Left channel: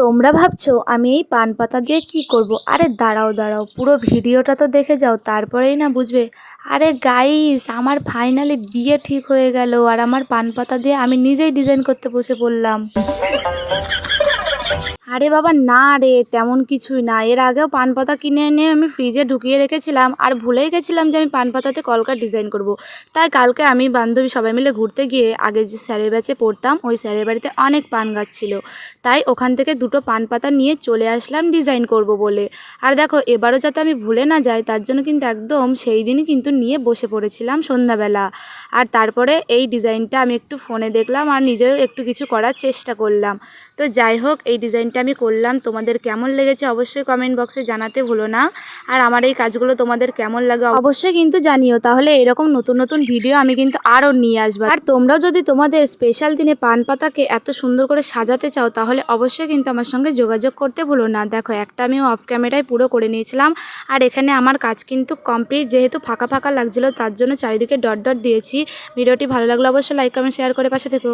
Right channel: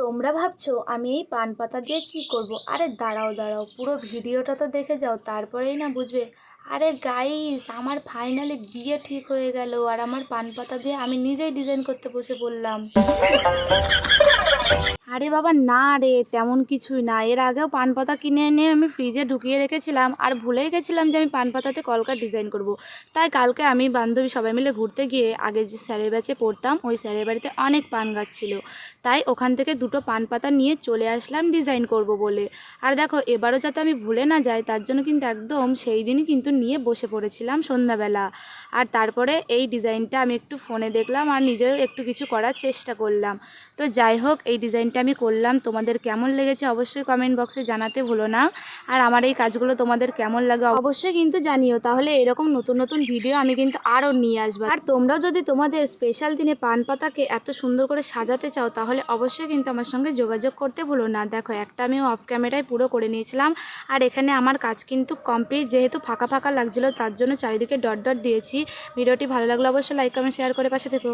তোমরা ভাবছো আমি এই পান পাতা দিয়ে কি করব? আরে দাঁড়াও দাঁড়াও, পুরো ভিডিওটা তো দেখে যাও, তারপরেই না বুঝবে। আরে গাইস, আমার ফাইনালি বিয়ে ঠিক হয়ে গেল, আর আমার পান পাতা দিয়ে আমি নিজেই ডিজাইন করতে বসে পড়লাম। আরে বাবা না রে, তেমন কিছুই না। এর আগেও পান পাতা কিনে এনে আমি ফ্রিজে ঢুকিয়ে রেখেছিলাম, আর ভুলেই গেছিলাম যে আমি পান পাতাতে কলকার ডিজাইন করব। তাই কালকে আমি বান্ধবী সবাই মিলে ঘুরতে গিয়ে, আগে যে স্যারের ব্যাচে পড়তাম ওই স্যারের বাড়িতে অনেক পান গাছ ছিল। তাই ওখান থেকে দুটো পান পাতা নিয়ে চলে আসলাম ডিজাইন করব বলে। আর দেখো, এবারও যাতে আমি ভুলে না যাই তার জন্য কিন্তু একদম সেই দিনই কিন্তু নিয়ে বসে পড়েছিলাম সন্ধ্যাবেলা। আর তারপরে এই ডিজাইনটা আমি একটু ফোনে দেখলাম আর নিজেও একটু কিছু করার চেষ্টা করলাম। তো যাই হোক, এই ডিজাইনটা আমি করলাম, তোমাদের কেমন লেগেছে অবশ্যই কমেন্ট বক্সে জানাতে ভুলো না। আর আমার এই কাজগুলো তোমাদের কেমন লাগে অবশ্যই কিন্তু জানিও, তাহলে এরকম নতুন নতুন ভিডিও আমি কিন্তু আরও নিয়ে আসবো। আর তোমরাও যদি তোমাদের স্পেশাল দিনে পান পাতাকে এত সুন্দর করে সাজাতে চাও তাহলে অবশ্যই কিন্তু আমার সঙ্গে যোগাযোগ করতে ভুলো না। দেখো, একটা আমি অফ ক্যামেরায় পুরো করে নিয়েছিলাম, আর এখানে আমার কাজ কিন্তু কমপ্লিট। যেহেতু ফাঁকা ফাঁকা লাগছিলো তার জন্য চারিদিকে ডট ডট দিয়েছি। ভিডিওটি ভালো লাগলে অবশ্যই লাইক কমেন্ট শেয়ার করে পাশে থেকো।